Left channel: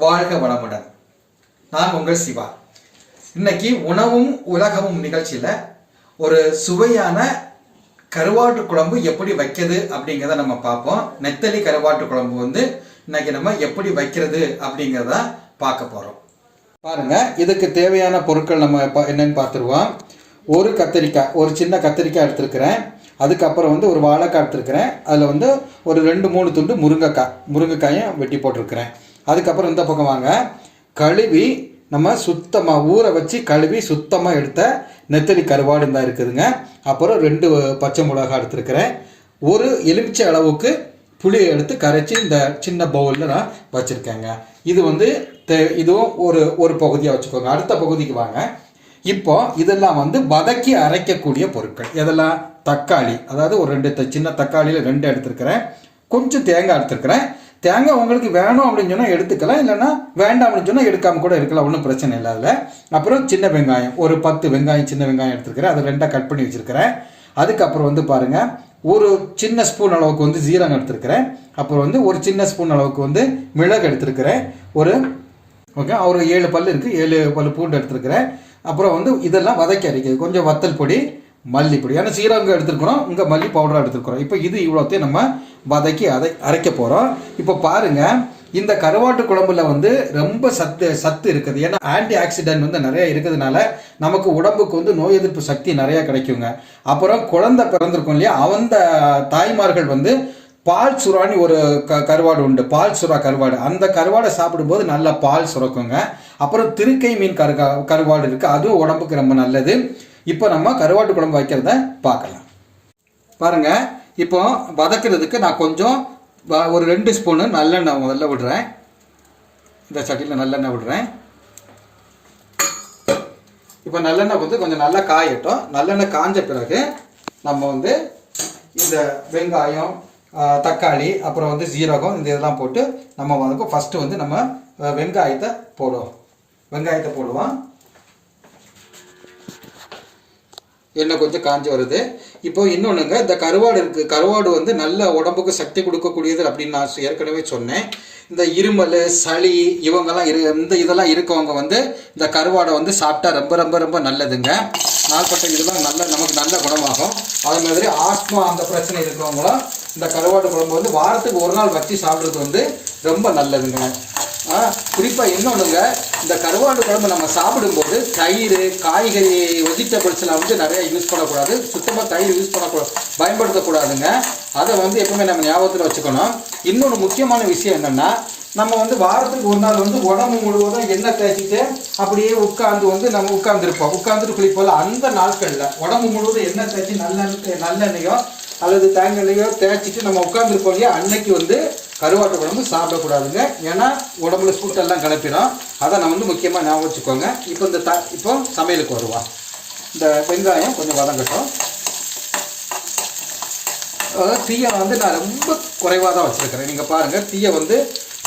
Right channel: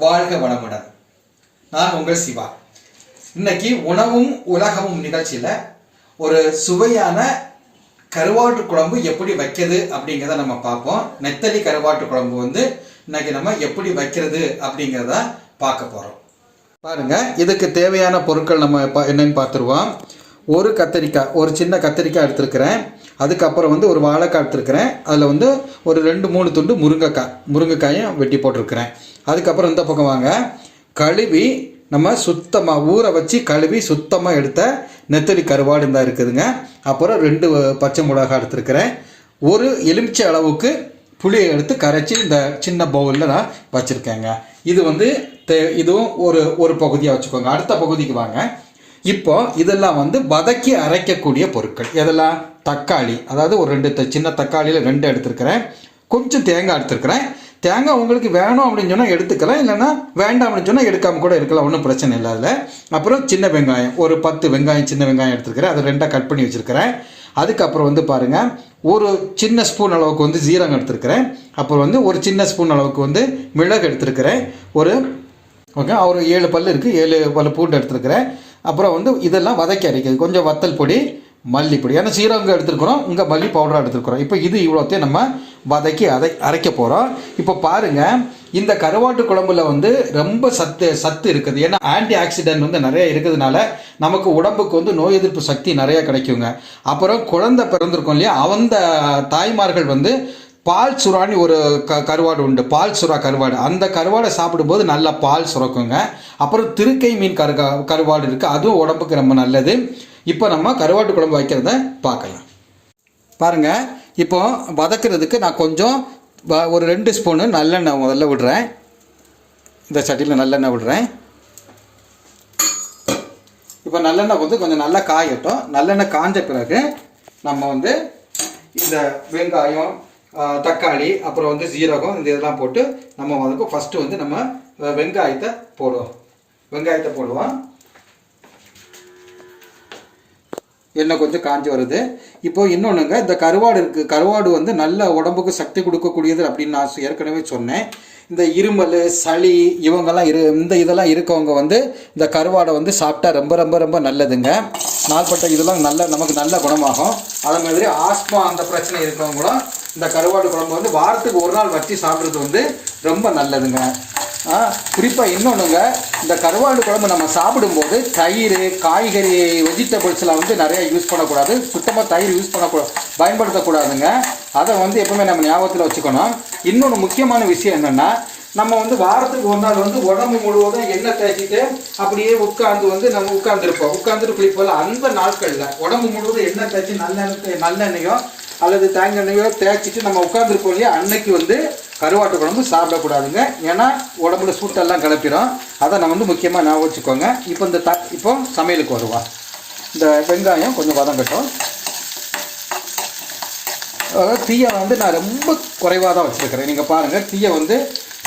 வாழ்க வளமுடன். நான் உங்கள் சிவா. இன்னைக்கு உணவும் உலகமும் நிகழ்ச்சியில் ஒரு சுவையான கருவாட்டு குழம்பு எப்படி வைக்கிறது அப்படிங்கிறத நம்ம பார்ப்போம். நெத்தலி கருவாட்டு குழம்பு இன்னைக்கு நம்ம எப்படி வைக்கிறது அப்படிங்கிறத பார்க்க போகிறோம். பாருங்க, இதுக்கு தேவையான பொருட்கள் நம்ம என்னன்னு பார்த்துருவோம். ஒரு கத்திரிக்காய், ஒரு சின்ன கத்திரிக்காய் எடுத்துருக்கிறேன். அதுக்கப்புறம் ஒரு வாழைக்காய் எடுத்துருக்கிறேன். அதில் ஒரு 2-3 துண்டு முருங்கைக்காயும் வெட்டி போட்டிருக்கிறேன். அதுக்கப்புறம் இந்த பக்கம் வாங்க, கழுவி நம்ம சுத்தமாக ஊற வச்சு கழுவி சுத்தமாக எடுத்த நெத்தலி கருவாடு தான் இருக்குதுங்க. அப்புறம் 2 பச்சை மிளகாய் எடுத்துருக்கிறேன். ஒரு எலுமிச்சை அளவுக்கு புளியை எடுத்து கரைச்சி இந்த சின்ன பவுலில் நான் வச்சுருக்கேங்க. இது இதுவும் ஒரு பகுதியாக வச்சுக்கோங்க. அடுத்த பகுதிக்கு வாங்க. இப்போ இதெல்லாம் வதக்கி அரைக்கக்கூடிய பொருட்கள். இதெல்லாம் தக்காளி, அதாவது ஒரு 2 சின்ன தக்காளியில் 2 எடுத்துருக்கிறேன். கொஞ்சம் தேங்காய் எடுத்துருக்கிறேன். தேங்காய் உங்களுக்கு வேணும் அப்படின்னு சொன்னால் எடுத்துக்கலாம், இல்லைன்னா வேண்டாம் அப்படின்னு சொன்னால் எடுக்காமல் கூட இருக்கலாம், ஒன்றும் பிரச்சனை இல்லை அதில். அப்புறம் சின்ன வெங்காயம், ஒரு 10 வெங்காயம், சின்ன வெங்காயம் எடுத்துருக்கிறேன். அதை 2 கட் பண்ணி வச்சுருக்கிறேன். அதுக்கப்புறம் பாருங்கள், ஒரு சின்ன ஸ்பூன் அளவுக்கு ஜீரகம் எடுத்துருக்கிறேன். அப்புறம் ஒரு சின்ன ஸ்பூன் அளவுக்கு மிளகு எடுத்துருக்கிறேன். ஒரு 7 பல் இருக்குது, 7 பல் பூண்டு எடுத்துருக்கிறேன். அப்புறம் இதெல்லாம் வதக்கி அரைக்கிறது கொஞ்சம் வத்தல் பொடி, மல்லிப்பொடி, ஏன்னா சீரகம் எடுத்துருக்குறோம், இங்கே மல்லி பவுடராக எடுத்துருக்குறோம். இப்போ இது இவ்வளோத்தையும் நம்ம வதக்கி அரைக்க போகிறோம். இப்போ பாருங்கள், இந்த கருவாட்டு குழம்புல ரொம்ப சத்து இருக்குது. ஏன்னா ஆன்டி ஆக்சிடென்ட் நிறைய இருக்கிறதுனால நமக்கு உடம்புக்கு நோய் எதிர்ப்பு சக்தி நிறைய கிடைக்குங்க. அப்புறம் குழந்தை பிறந்திருக்கும் இல்லையா, அந்த தாய்மார்கள் பால் சுறான்னு ஒரு கருவாடு உண்டு, பால் சுறா கருவாடு. அந்த கருவாடை சாப்பிடும்போது நல்லா பால் சுரக்குங்க. அப்புறம் திருக்கை மீன் கருவாடு இருக்குது, அதுவும் உடம்புக்கு ரொம்ப நல்லது. இப்போ நம்ம கருவாட்டு குழம்பு வைக்கிறத பார்க்கலாம். பாருங்கள், இப்போ வதக்கிறதுக்கு நான் கொஞ்சம் ஒரு 2 ஸ்பூனு நல்லெண்ணெய் முதல்ல விடுறேன். இந்த சட்டியில் நல்லெண்ணெய் விடுறேன். இப்போ நல்லெண்ணெய் கொஞ்சம் நல்லா காயட்டும். நல்லெண்ணெய் காஞ்ச பிறகு நம்ம இந்த வெங்காயம், தக்காளி, அப்புறம் சீரகம், இந்த இதெல்லாம் போட்டு நம்ம ஃபஸ்ட்டு நம்ம வெங்காயத்தை போடுவோம். எண்ணெய் கொஞ்சம் காஞ்சி வருது. இப்போ இன்னொன்றுங்க, இந்த கருவாடு இருக்குது. கருவாடு நல்ல உடம்புக்கு சக்தி கொடுக்கக்கூடியது அப்படின்னு நான் ஏற்கனவே சொன்னேன். இந்த இருமல், சளி இவங்கெல்லாம் இதெல்லாம் இருக்கவங்க இந்த கருவாடை சாப்பிட்டா ரொம்ப ரொம்ப ரொம்ப நல்லதுங்க. நாள்பட்ட இதெல்லாம் நமக்கு நல்ல குணமாகும். அதே மாதிரி ஆஸ்மா அந்த பிரச்சனை இருக்கிறவங்களும் இந்த கருவாடு குழம்பு வாரத்துக்கு ஒரு நாள் வச்சு சாப்பிட்றது ரொம்ப நல்லதுங்க. குறிப்பாக இன்னொன்றுங்க, இந்த கருவாடு குழம்பு நம்ம சாப்பிடும்போது தயிர், காய்கறி, வெஜிடபிள்ஸ்லாம் நிறைய யூஸ் பண்ணக்கூடாது. சுத்தமாக தயிர் பயன்படுத்தக்கூடாதுங்க. அதை எப்பவுமே நம்ம ஞாபகத்தில் வச்சுக்கணும். இன்னொன்று முக்கியமான விஷயம் என்னென்னா, நம்ம வாரத்துக்கு ஒரு நாள் உடம்பு முழுவதும் எண்ணெய் தேய்ச்சிட்டு அப்படியே நம்ம உட்காந்துட்டு குளிப்போம். அந்த நாட்களில் உடம்பு முழுவதும் எண்ணெய் தேய்ச்சி நல்லெண்ணெயோ அல்லது தேங்காய்யோ தேய்ச்சிட்டு நம்ம உட்காந்துருப்போம் இல்லையா, அன்னைக்கு கருவாட்டு குழம்பு சாப்பிடக்கூடாதுங்க. ஏன்னா உடம்புல சூட்டெல்லாம் கிளப்பிடும். அதை நம்ம முக்கியமாக ஞாபகம் வச்சுக்கோங்க. இப்போ சமையலுக்கு வருவோம். இந்த வெங்காயம் கொஞ்சம் வதங்கட்டும். அதாவது தீயை நான் ரொம்ப குறைவாக தான் வச்சுருக்கிறேன். நீங்கள் பாருங்கள், தீயை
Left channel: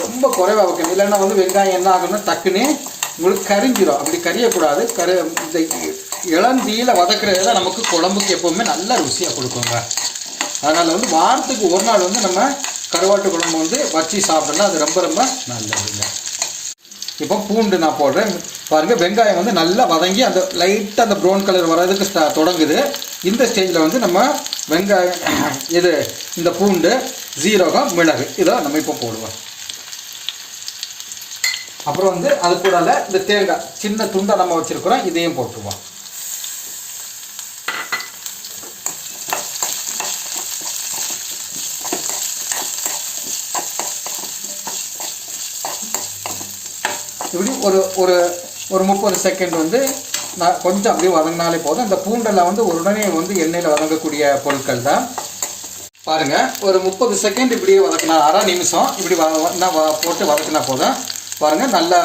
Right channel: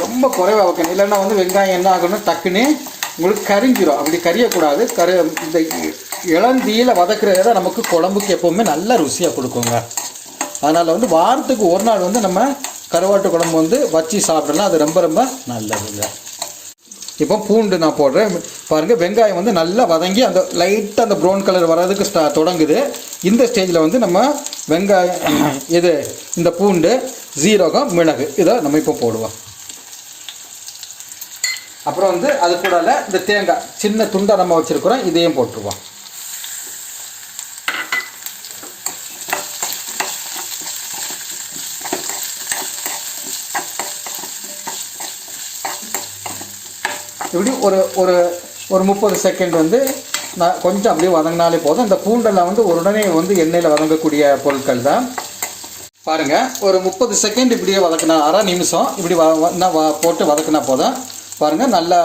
ரொம்ப குறைவாக வைக்கணும். இல்லைன்னா வெங்காயம் என்ன ஆகும்னா டக்குன்னு உங்களுக்கு கரிஞ்சிடும். அப்படி கரியக்கூடாது. இந்த இளந்தீயில் வதக்குறது தான் நமக்கு குழம்புக்கு எப்போவுமே நல்ல ருசியாக கொடுக்குங்க. அதனால் வாரத்துக்கு ஒரு நாள் நம்ம கருவாட்டு குழம்பு வச்சு சாப்பிட்டோம்னா அது ரொம்ப ரொம்ப நல்லதுங்க. இப்போ பூண்டு நான் போடுறேன். பாருங்கள், வெங்காயம் நல்லா வதங்கி அந்த லைட்டாக அந்த ப்ரௌன் கலர் வர்றதுக்கு தொடங்குது. இந்த ஸ்டேஜில் நம்ம வெங்காயம் இந்த பூண்டு, ஜீரகம், மிளகு இதை நம்ம இப்போ போடுவோம். அப்புறம் அது கூட இந்த தேங்காய் சின்ன துண்டை நம்ம வச்சுருக்கிறோம், இதையும் போட்டுருவோம். இப்படி ஒரு 30 செகண்ட் நான் கொஞ்சம் அப்படியே வதங்கினாலே போதும். இந்த பூண்டெல்லாம் உடனே எண்ணெயில் வதங்கக்கூடிய பொருட்கள் தான். பாருங்கள், ஒரு 30 செகண்ட் இப்படியே வதக்கினா, அரை நிமிஷம் இப்படி போட்டு வதக்கினா போதும். பாருங்கள், நல்லா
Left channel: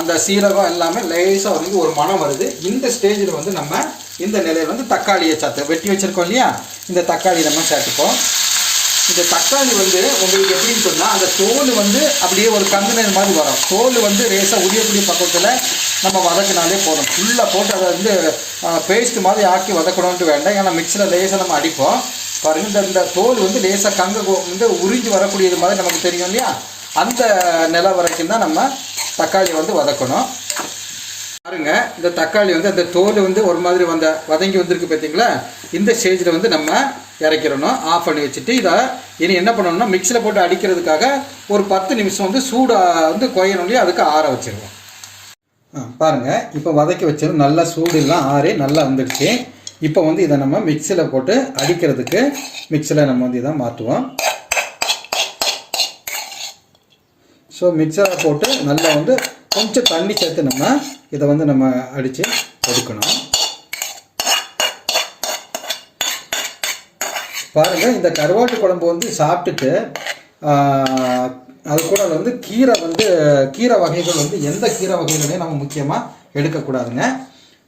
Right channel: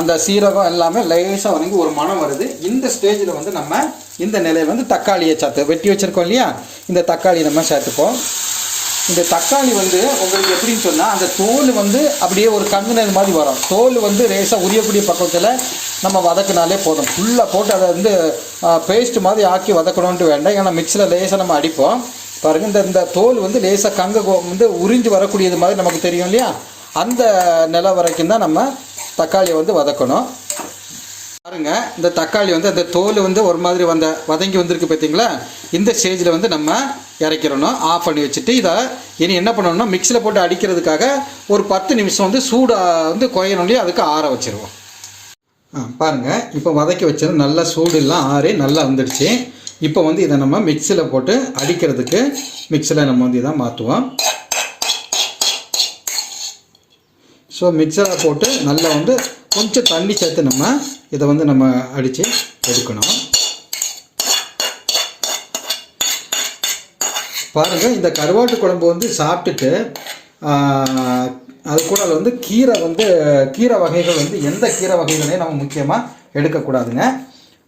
அந்த சீரகம் எல்லாமே லேசாக ஒரு மனம் வருது. இந்த ஸ்டேஜில் நம்ம இந்த நிலையில் தக்காளியை வெட்டி வச்சுருக்கோம் இல்லையா, இந்த தக்காளி நம்ம சேர்த்துப்போம். இந்த தக்காளி உங்களுக்கு எப்படின்னு சொன்னால், அந்த தோல் அப்படியே ஒரு கங்குனது மாதிரி வரும். தோல் லேசாக உரியக்கூடிய பக்கத்தில் நம்ம வதக்கினாலே போதும். ஃபுல்லாக போட்டு அதை பேஸ்ட் மாதிரி ஆக்கி வதக்கணுன்ட்டு வேண்டாம். ஏன்னா மிக்சியில் லேசாக நம்ம அடிப்போம். பாருங்கள், இந்த தோல் லேசாக உறிஞ்சு வரக்கூடியது மாதிரி நமக்கு தெரியும் இல்லையா, அந்த நிலை வரைக்கும் தான் நம்ம தக்காளி வந்து வதக்கணும். பாருங்க, இந்த தக்காளி வந்து அந்த தோல் வந்து ஒரு மாதிரி வதங்கி வந்திருக்கு பார்த்தீங்களா? இந்த ஸ்டேஜில் வந்து நம்ம இறக்கிடணும். ஆஃப் பண்ணி வச்சுட்டு இதை இனி என்ன பண்ணணும்னா மிக்சியில் போட்டு அடிக்கிறதுக்காக ஒரு 10 நிமிஷம் வந்து சூடாக வந்து கொய்யணும்லையே அதுக்கு ஆற வச்சுருவோம். பாருங்கள், இப்போ வதக்கி வச்சது நல்லா சூடுலாம் ஆறி நல்லா வந்துடுச்சு. இப்போ வந்து இதை நம்ம மிக்சியில் போட்டு அடிக்கிறதுக்கு மிக்சியில் நம்ம வந்து இதை மாற்றுவோம். ஸோ மிக்சரில் போட்டு நல்லா வந்து கொஞ்சம் தண்ணி சேர்த்து நம்ம இதை வந்து நம்ம அடித்து எடுக்கணும். பாருங்கள், இந்த கருவாட்டு குழம்பு வந்து சாப்பிட்டுட்டு அது கூட வந்து கீரை வகைகள் வந்து எந்த கீரை வகைகளையும் நம்ம முக்கியமாக எடுக்கக்கூடாதுங்க.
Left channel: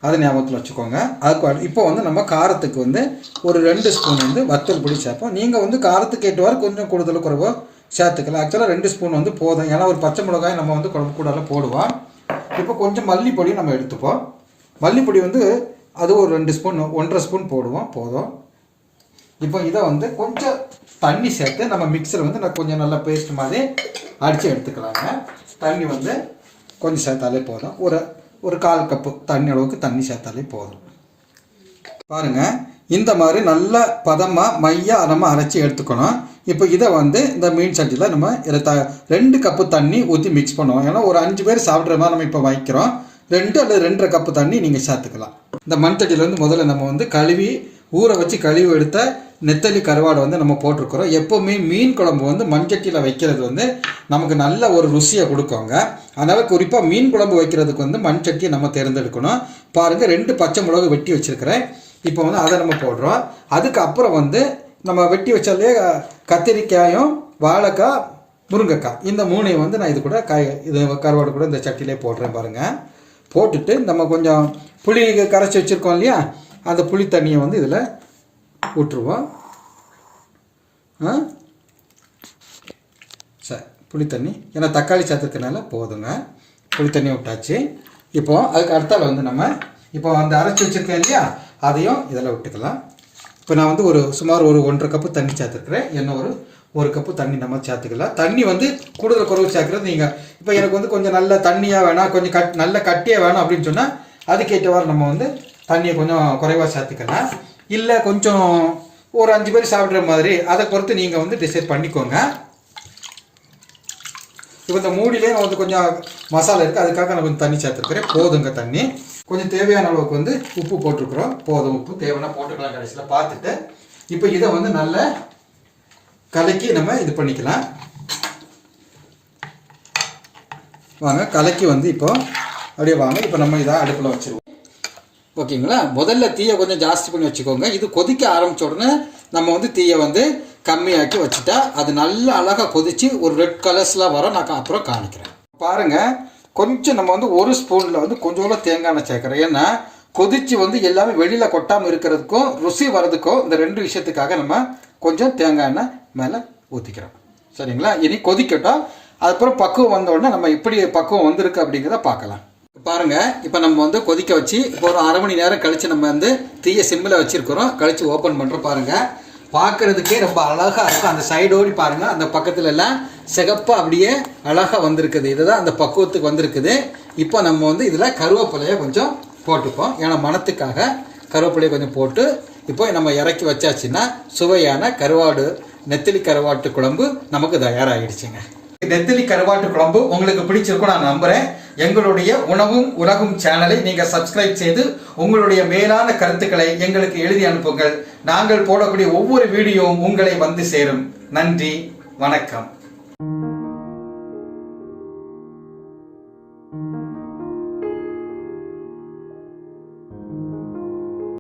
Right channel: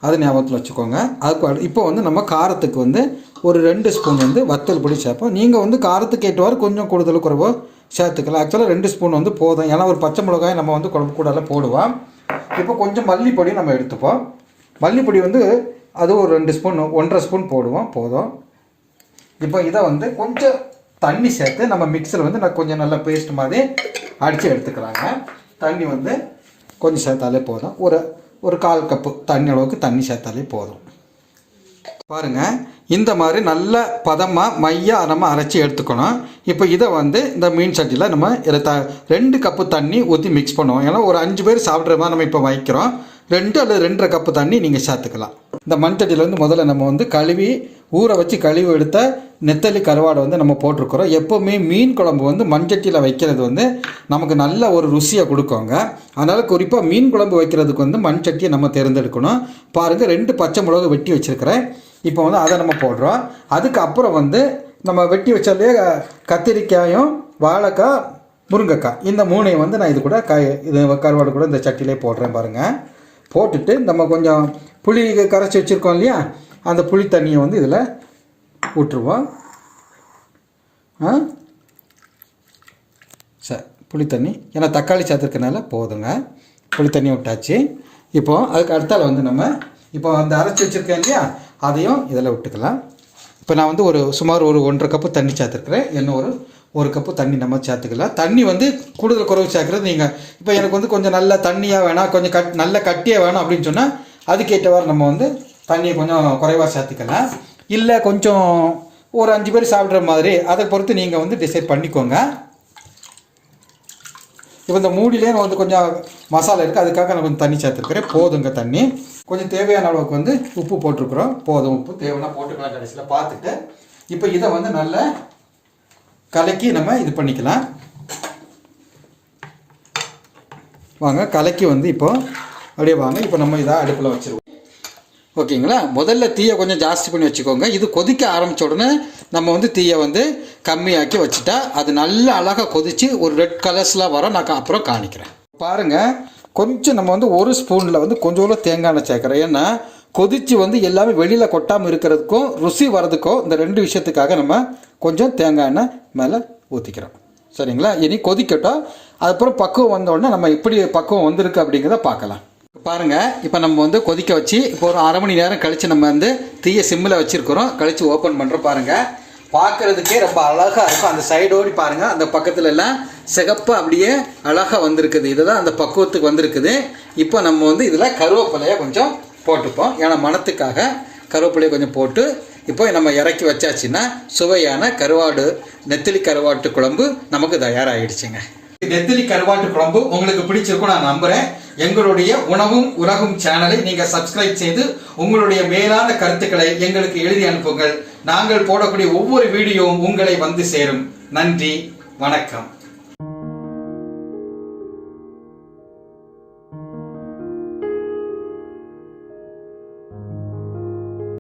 அதை ஞாபகத்தில் வச்சுக்கோங்க. அதுக்கு இப்போ வந்து நம்ம காரத்துக்கு வந்து ஒரு 2 ஸ்பூன் வந்து வத்தல் பொடி சேர்ப்போம். நீங்கள் வந்து காரத்துக்கு ஏற்றவாறு கொஞ்சம் கூடுதல் குறைவோ சேர்த்துக்கலாம். ஆக்சுவலாக 2 ஸ்பூன் வந்து போதும். ஏன்னா ஒரு பச்சை மிளகாய் நம்ம வந்து குழம்பு கூடலாம் போடுவோம். இப்போ கொஞ்சம் மல்லிப்பொடி நம்ம எடுத்துப்போம். மல்லிப்பொடி வந்து அது ஒரு 2 ஸ்பூன் 1.5 ஸ்பூன் போடுவோம், போதும். இப்போ இதை வந்து கொஞ்சம் தண்ணி சேர்த்து நம்ம மிக்சர் வந்து நான் கொஞ்சம் நல்லா பேஸ்ட் மாதிரி அடித்து எடுத்துக்கலாங்க. தண்ணி வந்து கொஞ்சம் சேர்த்தாலே போதும். ஒரு 1/4 கப்பு தண்ணி அளவுக்கு தண்ணி சேர்த்தாலே போதும். பாருங்கள், இந்த மாதிரி நல்ல பதமாக மையாக நம்ம அரைச்சி எடுத்துக்கணும். இப்போ இதை வந்து இந்த மீன் சட்டியில் நம்ம 2 கப்பு தண்ணி ஊற்றி மிக்ஸ் பண்ணுவோம். ஏன்னா ஒரு 5 பேர் சாப்பிட்ற மாதிரி நம்ம இப்போ வைக்கிறோம். 2 அல்லது 2.5 கப்பு தண்ணி நீங்கள் சேர்த்துக்கலாம். இந்த மண் சட்டியில் வந்து முதல்ல நம்ம வந்து ஊற வச்சு கழுவி எடுத்த நெத்தலி கருவாடை வந்து நம்ம போட்டிருக்கிறோம். எப்போவுமே மீன் குழம்பு வந்து மண் சட்டியில் வைக்கிறது வந்து நமக்கு நல்ல ஒரு ருசியை கொடுக்குங்க. அதனால் குறிப்பாக மீன் குழம்பு வைக்கிறதுக்கு வந்து மண் சட்டியை நம்ம தேர்ந்தெடுக்கணும். பாருங்கள், 2 பச்சை மிளகு வெட்டி வச்சுருக்கிறேன். இப்போ வந்து அதை நம்ம போடுறோம். அதுக்கப்புறம் வந்து நம்ம வெட்டி வச்சாலே கத்திரிக்காயும் வாழைக்காய் முருங்கைக்காய் இந்த 3ஐயும் வந்து நான் இது கூட இது கருவாடு கூட இந்த சட்டிலே போடுறேன். பாருங்கள், போட்டுட்டு நம்ம கொஞ்சம் புளி கரைச்சி வச்சுருக்கோம் இல்லையா, அந்த புளி தண்ணியை வந்து இதில் விட்டுருவோம். சரி, புளி தண்ணி ஏன்னா தக்காளி சேர்த்துக்கிறதுனால போதுங்க. புளி தண்ணி விட்டாச்சு. இப்போது அதுக்கு அடுத்தால வந்து நம்ம இப்போ அந்த அரைச்சி வச்சுருக்கேன் இல்லையா, அதையும் இதில் விட்டுக்கலாம். இப்போ நான் வந்து சுமார் ஒரு 1.5 கப்பு தண்ணி சேர்த்துருக்குறேன். என்ன ஒரு கப்பு தண்ணி நம்ம சேர்த்துக்கலாம். தண்ணி வந்து கூடுதல் குறைவு சேர்க்குறது நீங்கள் இப்போ எனக்கு வந்து கொஞ்சம் நல்ல தண்ணியாக வேணாம், கொஞ்சம் நல்ல கட்டியாக வேணும் அப்படின்னு சொன்னால் அதுக்கேற்றவாறு நம்ம வந்து தண்ணியை கொஞ்சம் குறைவாக சேர்த்துக்கலாம். இல்லை கொஞ்சம் ஒரு 5 பேர் சாப்பிட்ற மாதிரி அதை பொறுத்து நீங்கள் வந்து டிசைட் பண்ணிக்கோங்க. இப்போ இந்த மூடியிலே நான் வந்து கொஞ்சம் மசாலா இருக்குது, அதுக்காக நான் கொஞ்சம் தண்ணி சேர்த்துருக்குறேன். போதுங்க தண்ணி. கொஞ்சம் தேவையான அளவுக்கு வந்து உப்பு போட்டிருக்குறோம். போதும், உப்பு தேவைன்னா போட்டுக்கலாம் கடைசியில் பார்த்துட்டு. இப்போ இதை வந்து நல்லா கலக்கி நம்ம இது பண்ணிக்கலாம். வாங்க, கலக்கி வந்து இப்போ அப்படியே வாங்க. இப்போ நம்ம இதை அடுப்பில் வச்சுருவோம். ஓகேங்களா? முதல்ல தீயை கொஞ்சம் ஜாஸ்தி பண்ணி வச்சுக்கோங்க. இது கொதிக்க ஆரம்பித்த உடனே நம்ம வந்து தீயை வந்து கம்மியாக்கி வச்சுட்டா அது நல்லா அழகாக கொதித்து ஒரு ரெட் கலர்ஸ்லாம் வரும். நான் அப்புறம் காணிக்கிறேன். பாருங்கள், கொஞ்சம் நம்ம வந்து 1 ஸ்பூனில் வந்து கொஞ்சோட தேங்காய் எண்ணெய் சேர்க்குறேன். ஏன்னா கொதித்து வந்து எல்லாமே வெளியில் கொட்டாமல் இருக்கிறதுக்கும் ருசி வர்றதுக்கும் இந்த 2 விஷயத்துக்காக நம்ம கொஞ்சம் தேங்காய் எண்ணெய் மேலே ஊற்றிக்கிறோம். சரிங்களா? இனி கொதிக்கட்டும். அதுக்கப்புறம் பக்குவம் வந்தோடனே நம்ம எப்படி பக்குவம் வந்திருக்கு அப்படிங்கிறத பார்க்கலாம். பாருங்கள், இப்போ நம்ம வந்து கொதிக்க வச்சு இப்போ ஒரு 1/2 மணி நேரம் கழித்து நம்ம வந்து தீயை சிம்மில் வச்சுருக்கிறோம். கழித்து ஓப்பன் பண்ணுறோம். பாருங்கள், பார்க்குறதுக்கே ரொம்ப அழகாக இருக்கும். அந்த சைடோடி பாருங்கள், அந்த பக்கத்துல எல்லாம் சிகப்பு அப்படியே அழகாக வந்திருக்குது. இதுதான் அந்த பக்குவத்துக்கு வந்திருக்குது. இப்போ நம்ம வந்து இதில் கருவேப்பிலையை கொஞ்சம் போட்டுப்போம். ஏன்னா மணத்துக்காக கருவேப்பிலையை கொஞ்சம் போட்டு இப்போ நம்ம இறக்கி வச்சாச்சுன்னா சுவையான நெத்திலி கருவாட்டு குழம்பு நமக்கு தயாராகிடுச்சுங்க. நெத்திலி கருவாட்டு குழம்பு உங்களுக்கு பிடிச்சிருக்கும் நான் நம்புறேன். எங்களுடைய உணவும் உலகும் சேனலை நீங்க சப்ஸ்கிரைப் செய்து உங்களுடைய மேலான கருத்துக்களை எங்களுக்கு எழுதி அனுப்புங்கள். நாங்கள் போடக்கூடிய ஒவ்வொரு வீடியோவும் உங்களை வந்து சேரும். நன்றி, வணக்கம்.